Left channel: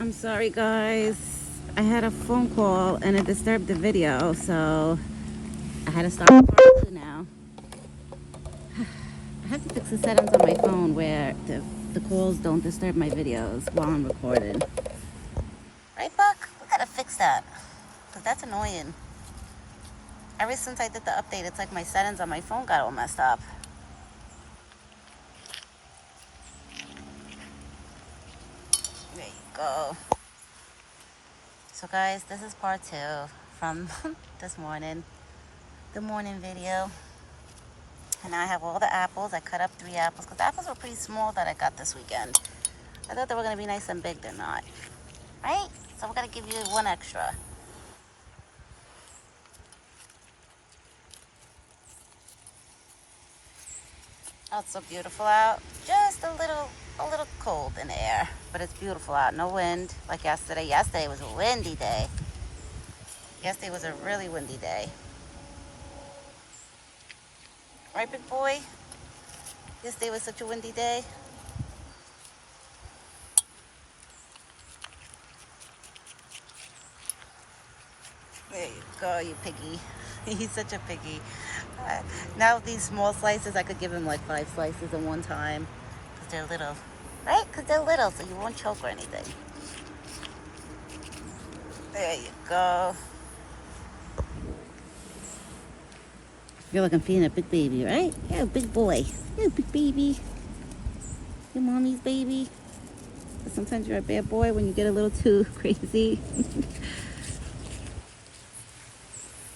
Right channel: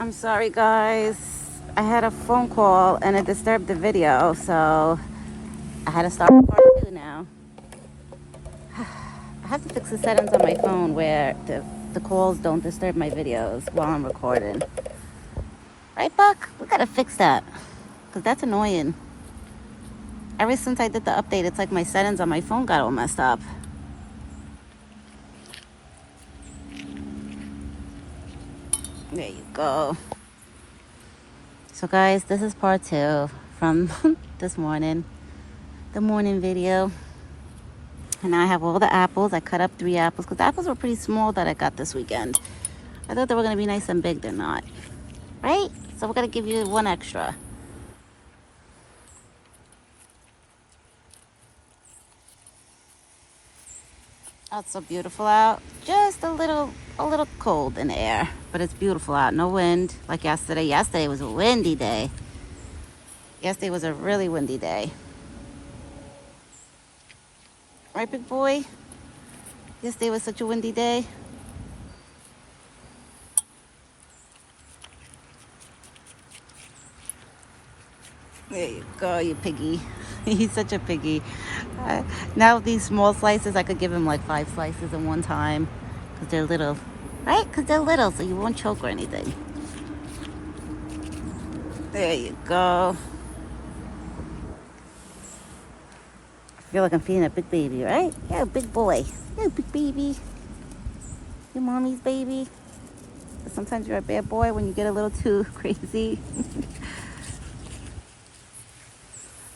I'm sorry, guys. I had a phone call and it disturbed the video, so I had to stop part two now. I have to fix the settings on my phone where the calls don't disturb my videos while I'm recording. Right, Buck? We gotta fix that, because that's annoying. Ever since I did the update, it's like my settings on my phone got all messed up. There you go. So guys, this is part two from this morning, the morning video. And now I have all the apples. I cut up 3 apples because the apples were pretty small that I got this weekend. I thought they were going to be nice and big. They're not. Right? So we're going to give you 1 extra. Oh, it's so beautiful out. Just a little cold in the air, but it's beautiful out. No wind like yesterday. Yesterday was a windy day. Yesterday was a really windy day. Right, big boy? Yesterday was such a windy day. There you go, you piggy. He's such a piggy. Now these small slices, I could give him like 5 slices in one time because they're little. Right? Because they're little, so you won't choke or anything. There you go. I feel like I'm feeding a big baby, right? Yeah, a big boy. Yeah, big baby. Your mommy's baby. But sometimes you're a bad boy when you get a little too crazy.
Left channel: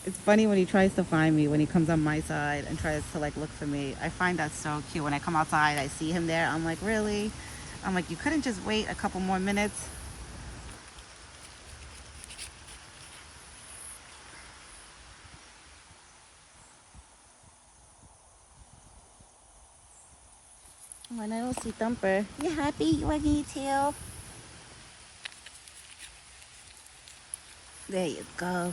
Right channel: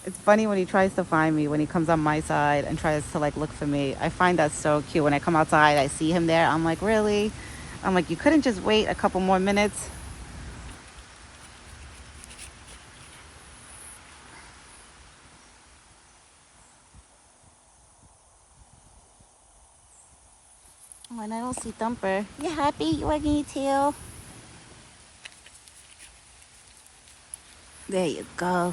It's funny when he tries to find me, when he comes on my side and tries to like look for me. I find that so cute. When I come outside, I see him there. I'm like, really? I'm like, you couldn't just wait a couple more minutes? When I don't see Thumper, you happy? You wagging your tail? There you go.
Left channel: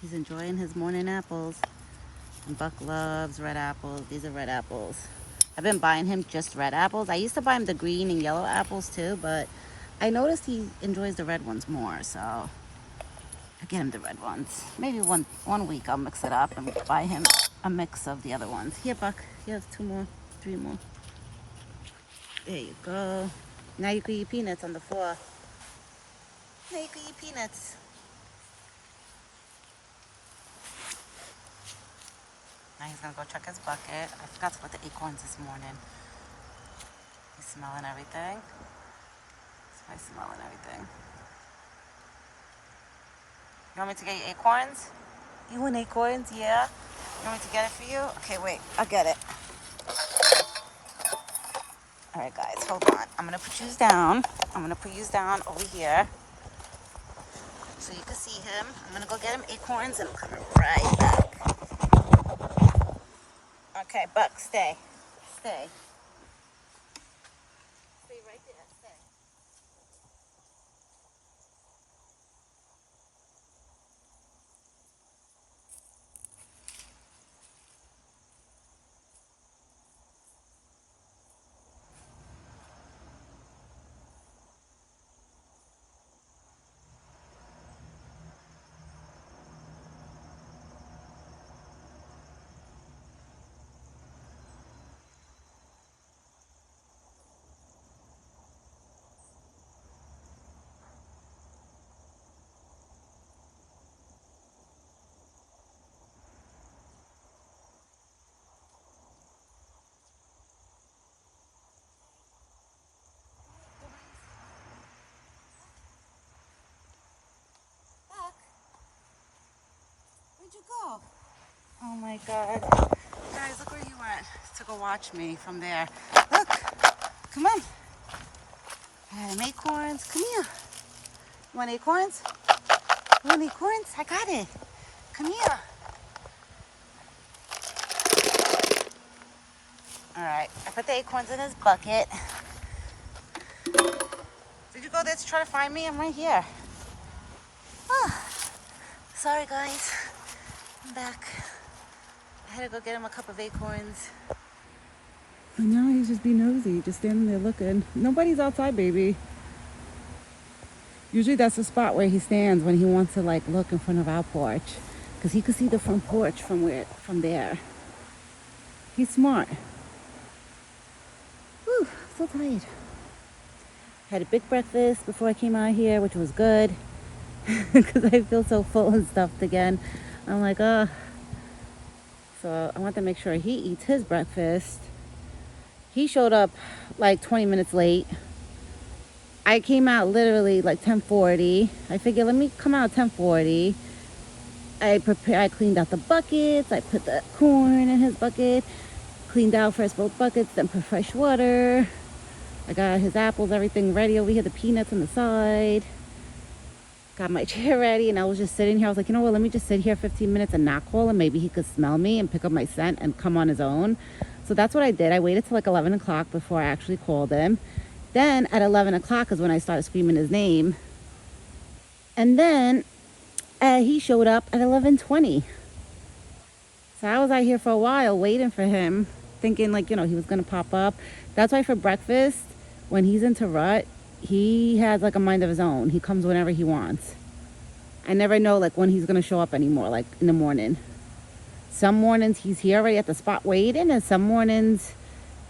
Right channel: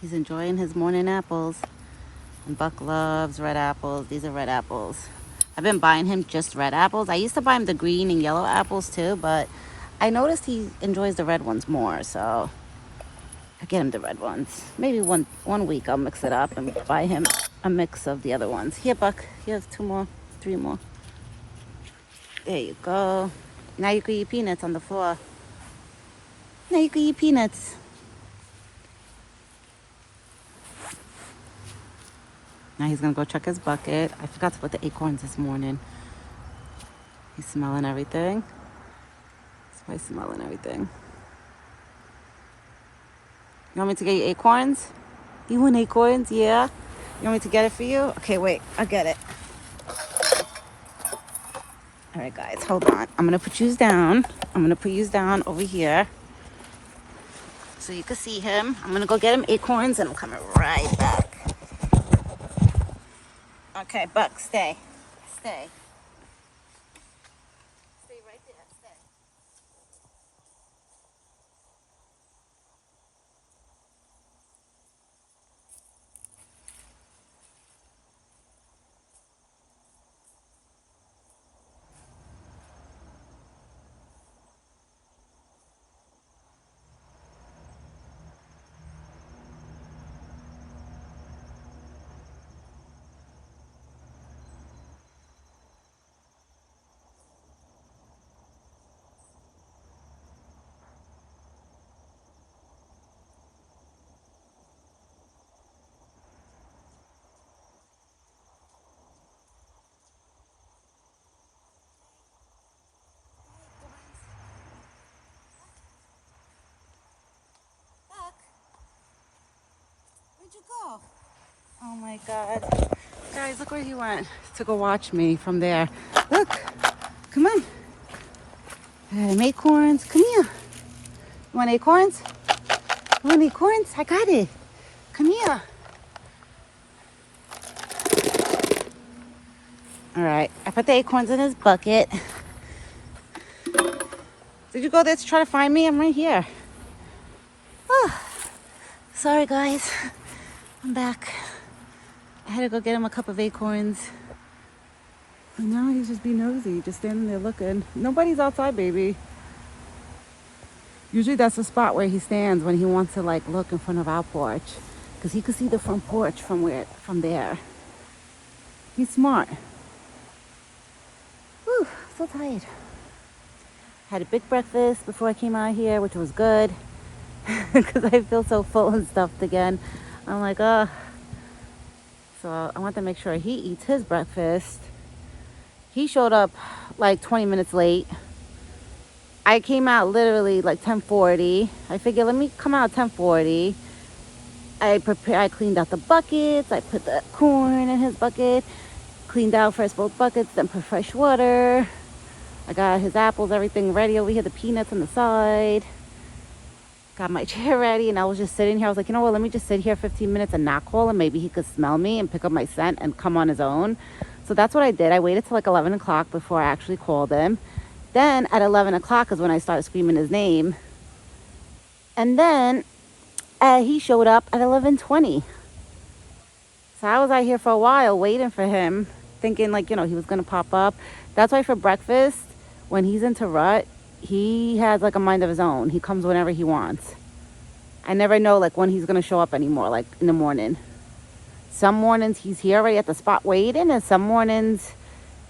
He's enjoying his morning apples. And Buck loves red apples. These are red apples. I've been buying him just red apples. I used to buy him the green and yellow apples too, but I noticed he enjoys the red ones more, so I get him the red ones. Maybe one week I'll mix it up and buy him a mix of the other ones. Here, Buck. Here's 2 more, 3 more. There you go. Now you can eat peanuts on the floor. Now you can eat peanuts. Now he's gonna go check his bucket. I forgot to put the acorns this morning. He's smelling everything. So he's smelling everything. You want me to get you acorns? You want acorns? Yeah? You want me to get it for you? Okay, wait. I'll get it. All right, guys, hold on. I'm gonna put you down. I'm gonna put you down over here so you can see him. I'm gonna go get him acorns and I'm coming right back. Okay, Buck, stay. Stay. Stay right there. Stay. Where'd you go? Oh my God. Guys, look where he went to go watch me from there. Look, come on. I had him acorns. Come here. You want acorns? You want acorns? I got it. Come here. All right, I put the acorns in his bucket. Did you go there to try to find me? I'm right here. Oh, sorry guys, I'm back. I had to go get him a cup of acorns. And now he's just being nosy, just standing there looking. Nobody's outside, baby. Usually that's the spot where he stands when he wants to like look in front of our porch, because he could see the front porch from there. He's smart. Whew, so tired. Had a big breakfast before I came out here, which was good, because I feel so full and stuffed again. I'm like, oh. So I want to make sure he eats his breakfast. He showed up like 20 minutes late. I came out literally like 10:40. I figured, let me come out 10:40. I cleaned out the buckets. I put the corn in his bucket. Cleaned out first both buckets, then put fresh water. I got his apples, everything ready over here, the peanuts on the side. Got my chair ready, and I was just sitting here. I was like, you know what, let me just sit here 15 minutes and not call him. Maybe he could smell me and pick up my scent and come on his own. So that's what I did. I waited till like 11 o'clock before I actually called him. Then at 11 o'clock is when I started screaming his name. And then he showed up at 11:20. So I was out here for a while waiting for him, thinking like, you know, he was going to pop up. That's why for breakfast, when he's into rut, he has like a mind of his own. He comes whenever he wants. I never know like when he's going to show up anymore, like in the morning. Some mornings he's here already at the spot waiting, and some mornings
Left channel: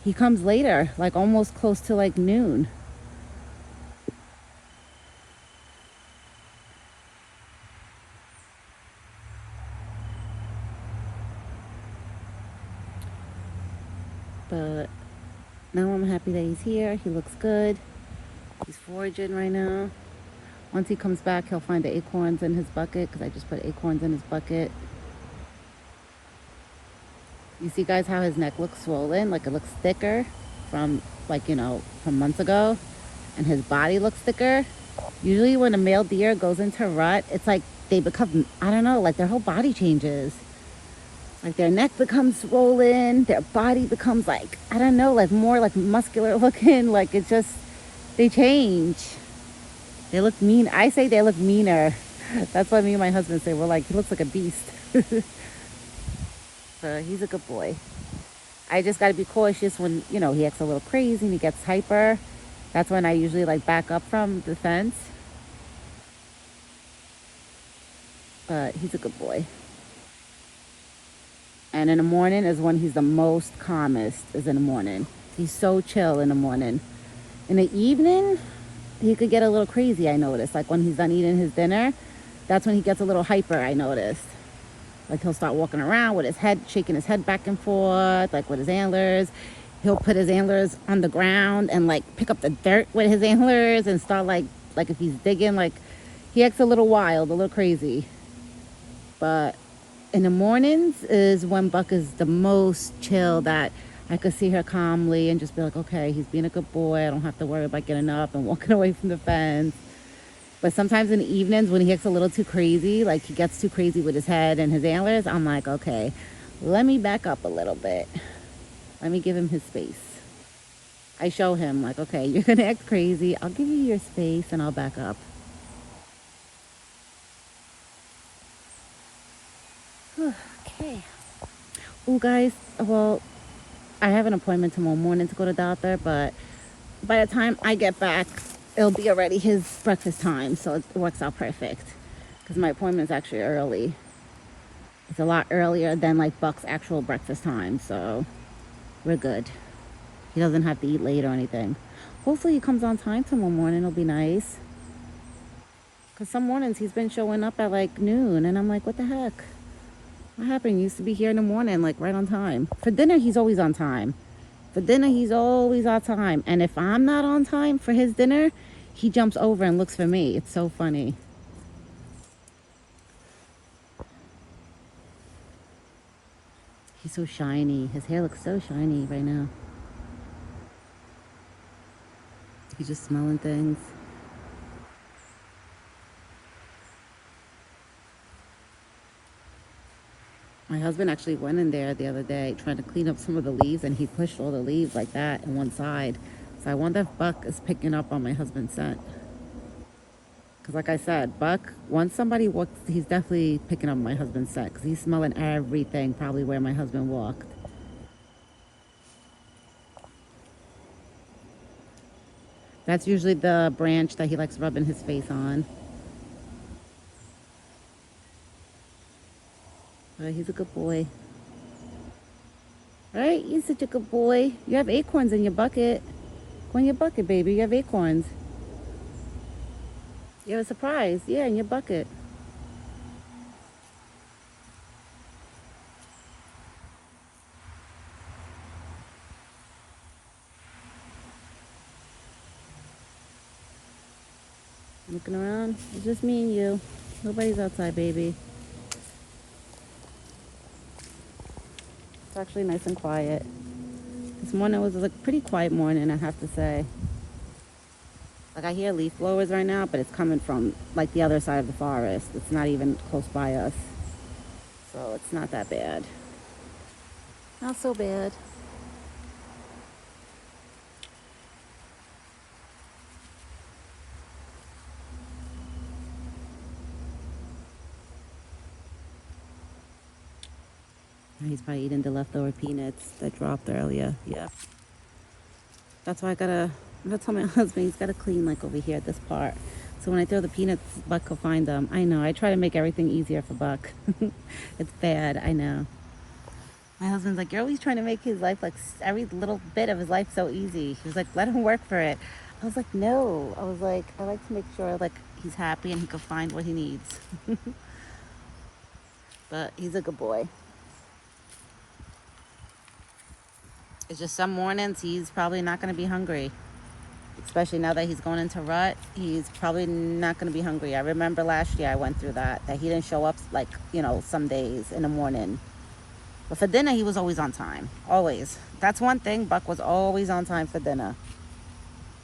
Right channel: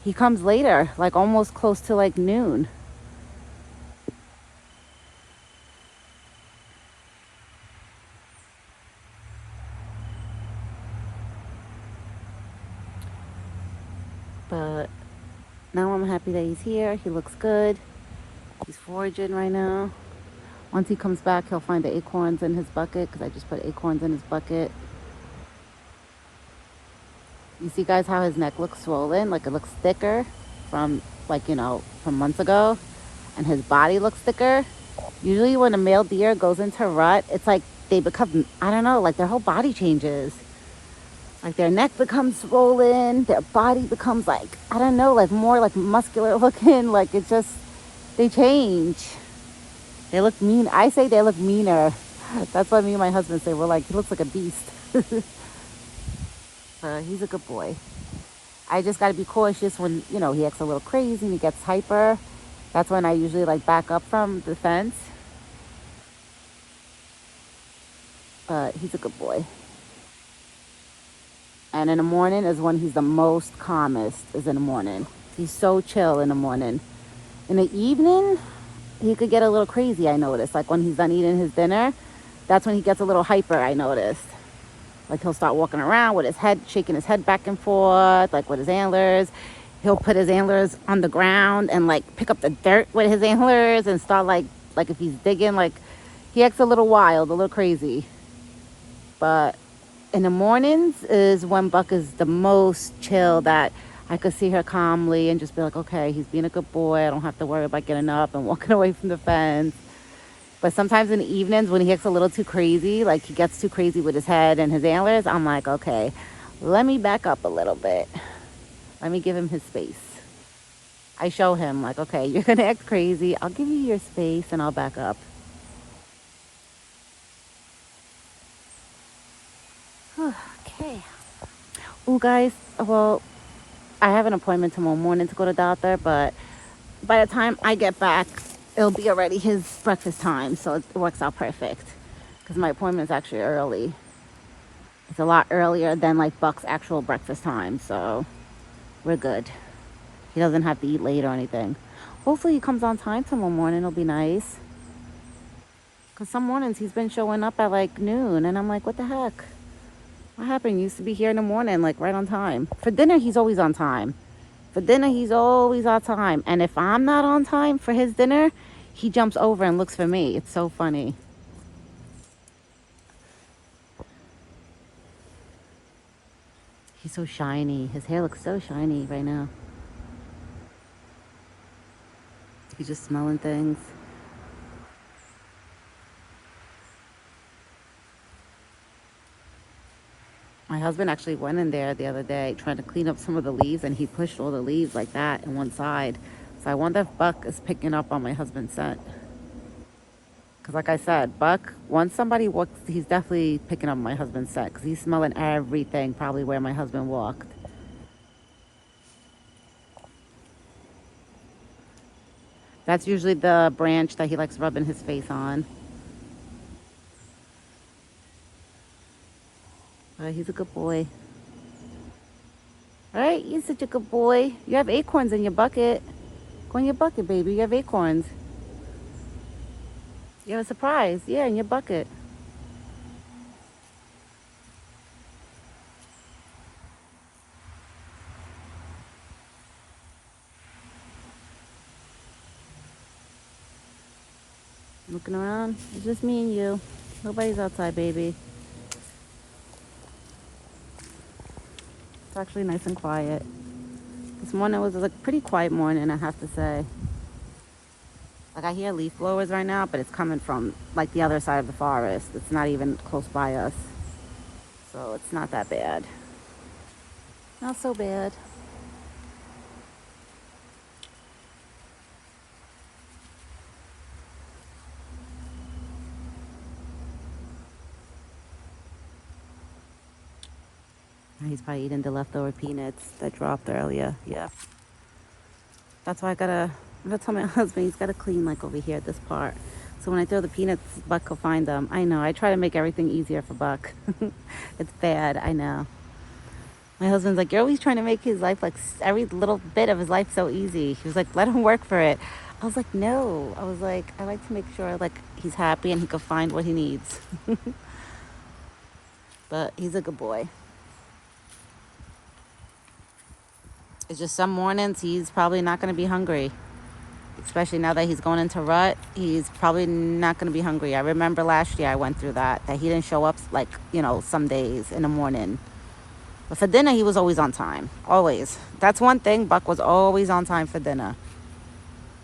he comes later, like almost close to like noon. But now I'm happy that he's here. He looks good. He's foraging right now. Once he comes back, he'll find the acorns in his bucket, because I just put acorns in his bucket. You see, guys, how his neck looks swollen? Like it looks thicker from like, you know, from months ago. And his body looks thicker. Usually when a male deer goes into rut, it's like they become, I don't know, like their whole body changes. Like their neck becomes swollen, their body becomes like, I don't know, like more like muscular looking. Like it just, they change. They look mean. I say they look meaner. That's what me and my husband say. We're like, he looks like a beast. He's a good boy. I just got to be cautious when, you know, he acts a little crazy, he gets hyper. That's when I usually like back up from the fence. But he's a good boy. And in the morning is when he's the most calmest, is in the morning. He's so chill in the morning. In the evening, he could get a little crazy, I noticed. Like when he's done eating his dinner, that's when he gets a little hyper, I noticed. Like he'll start walking around with his head, shaking his head back and forth, like with his antlers. He'll put his antlers on the ground and like pick up the dirt with his antlers and start like if he's digging, like he acts a little wild, a little crazy. But in the mornings is when Buck is the most chill, that I could see her calmly and just be like, okay, he's being a good boy. I don't have to worry about getting up and walking away from the fence. But sometimes in the evenings when he gets a little too crazy, like he gets too crazy with his head and his antlers, I'm like, okay, let me back up a little bit. Let me give him his space. I show him like, okay, you're gonna act crazy. I'll give you your space and I'll back up. Okay. Oh, guys, well, I have an appointment tomorrow morning to go to the doctor, but by the time I get back, it'll be already his breakfast time, so it works out perfect because my appointment is actually early. It's a lot earlier than like Buck's actual breakfast time, so we're good. He doesn't have to eat late or anything. Hopefully he comes on time tomorrow morning. It'll be nice, because some mornings he's been showing up at like noon and I'm like, what the heck? What happened? He used to be here in the morning, like right on time. For dinner, he's always on time. For dinner, he's always on time. And if I'm not on time for his dinner, he jumps over and looks for me. It's so funny. He's so shiny. His hair looks so shiny right now. He's just smelling things. My husband actually went in there the other day trying to clean up some of the leaves, and he pushed all the leaves like that in one side. So I wonder if Buck is picking up on my husband's scent. Because like I said, Buck, once somebody walks, he's definitely picking up my husband's scent because he's smelling everything probably where my husband walked. That's usually the branch that he likes rubbing his face on. He's a good boy. Right? You're such a good boy. You have acorns in your bucket. Go in your bucket, baby. You have acorns. You have a surprise. Yeah, in your bucket. Looking around. It's just me and you. Nobody's outside, baby. It's actually nice and quiet. This morning was a pretty quiet morning, I have to say. Like, I hear leaf blowers right now, but it's coming from like the other side of the forest. It's not even close by us. So it's not that bad. Not so bad. He's probably eating the leftover peanuts that dropped earlier. Yeah. That's why I gotta tell my husband he's gotta clean like over here at this part. So when I throw the peanuts, Buck will find them. I know, I try to make everything easier for Buck. It's bad, I know. My husband's like, you're always trying to make his life, like every little bit of his life so easy. He was like, let him work for it. I was like, no. I was like, I like to make sure like he's happy and he can find what he needs. But he's a good boy. It's just some mornings he's probably not going to be hungry. Especially now that he's going into rut, he's probably not going to be hungry. I remember last year I went through that he didn't show up like, you know, some days in the morning. But for dinner, he was always on time. Always. That's one thing. Buck was always on time for dinner.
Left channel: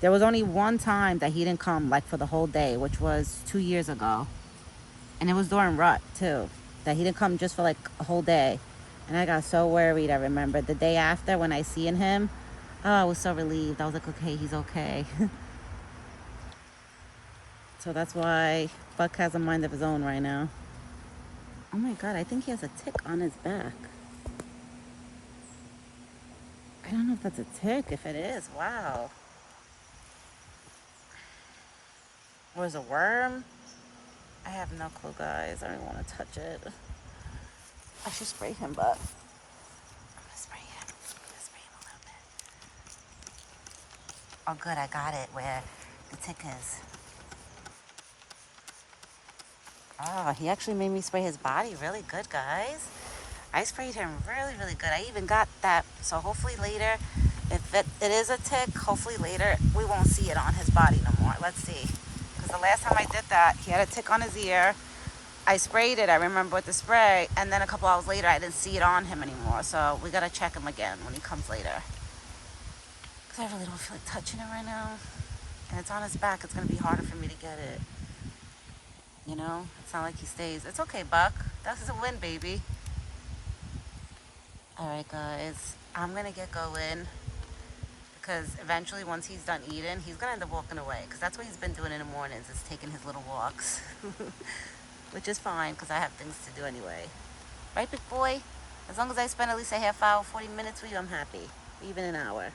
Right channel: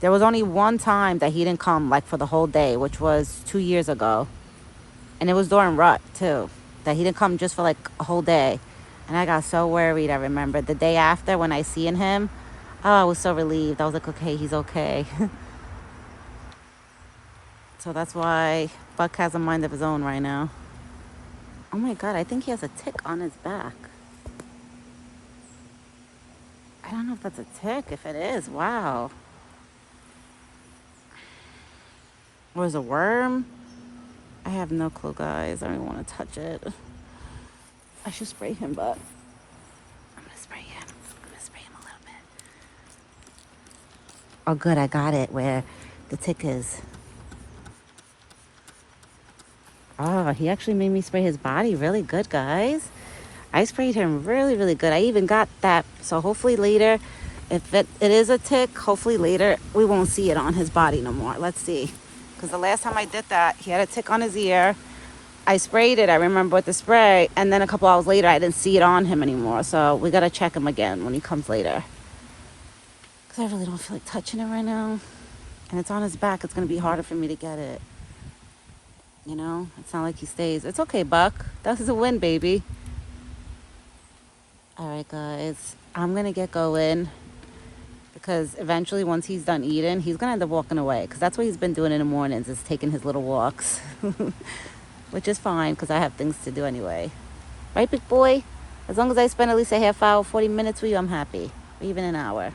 There was only one time that he didn't come like for the whole day, which was 2 years ago. And it was during rut too. That he didn't come just for like a whole day. And I got so worried, I remember. The day after when I seen him, oh, I was so relieved. I was like, okay, he's okay. So that's why Buck has a mind of his own right now. Oh my God, I think he has a tick on his back. I don't know if that's a tick. If it is, wow. Or is it a worm? I have no clue, guys. I don't even want to touch it. I should spray him, but I'm gonna spray him. I'm gonna spray him a little bit. Oh, good, I got it where the tick is. Oh, he actually made me spray his body really good, guys. I sprayed him really, really good. I even got that. So hopefully later, if it is a tick, hopefully later we won't see it on his body no more. Let's see. Because the last time I did that, he had a tick on his ear. I sprayed it, I remember, with the spray, and then a couple hours later, I didn't see it on him anymore. So we gotta check him again when he comes later. Because I really don't feel like touching it right now. And it's on his back, it's gonna be harder for me to get it. You know, it's not like he stays. It's okay, Buck. This is a win, baby. All right, guys, I'm gonna get going. Because eventually, once he's done eating, he's gonna end up walking away. Because that's what he's been doing in the mornings, is taking his little walks. Which is fine, because I have things to do anyway. Right, big boy? As long as I spend at least a half hour, 40 minutes with you, I'm happy. Or even an hour.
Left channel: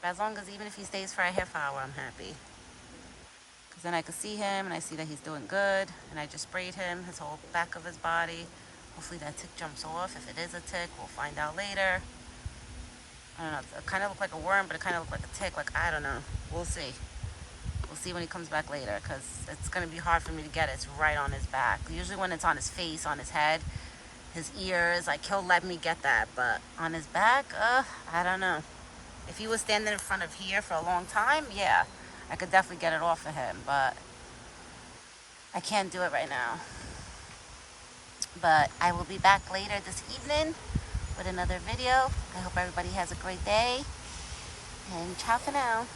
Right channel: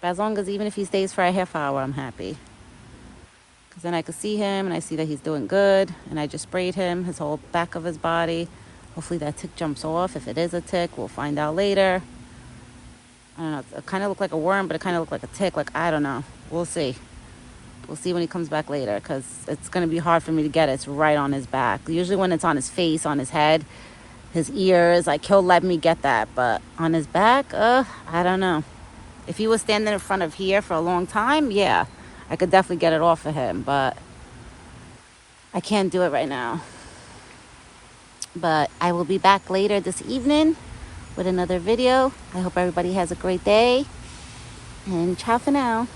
But as long as, even if he stays for a half hour, I'm happy. Because then I can see him, and I see that he's doing good. And I just sprayed him, his whole back of his body. Hopefully that tick jumps off. If it is a tick, we'll find out later. I don't know. It kind of looked like a worm, but it kind of looked like a tick. Like, I don't know. We'll see. We'll see when he comes back later, because it's going to be hard for me to get it. It's right on his back. Usually when it's on his face, on his head, his ears, like, he'll let me get that. But on his back, I don't know. If he was standing in front of here for a long time, yeah, I could definitely get it off of him. But I can't do it right now. But I will be back later this evening with another video. I hope everybody has a great day. And ciao for now.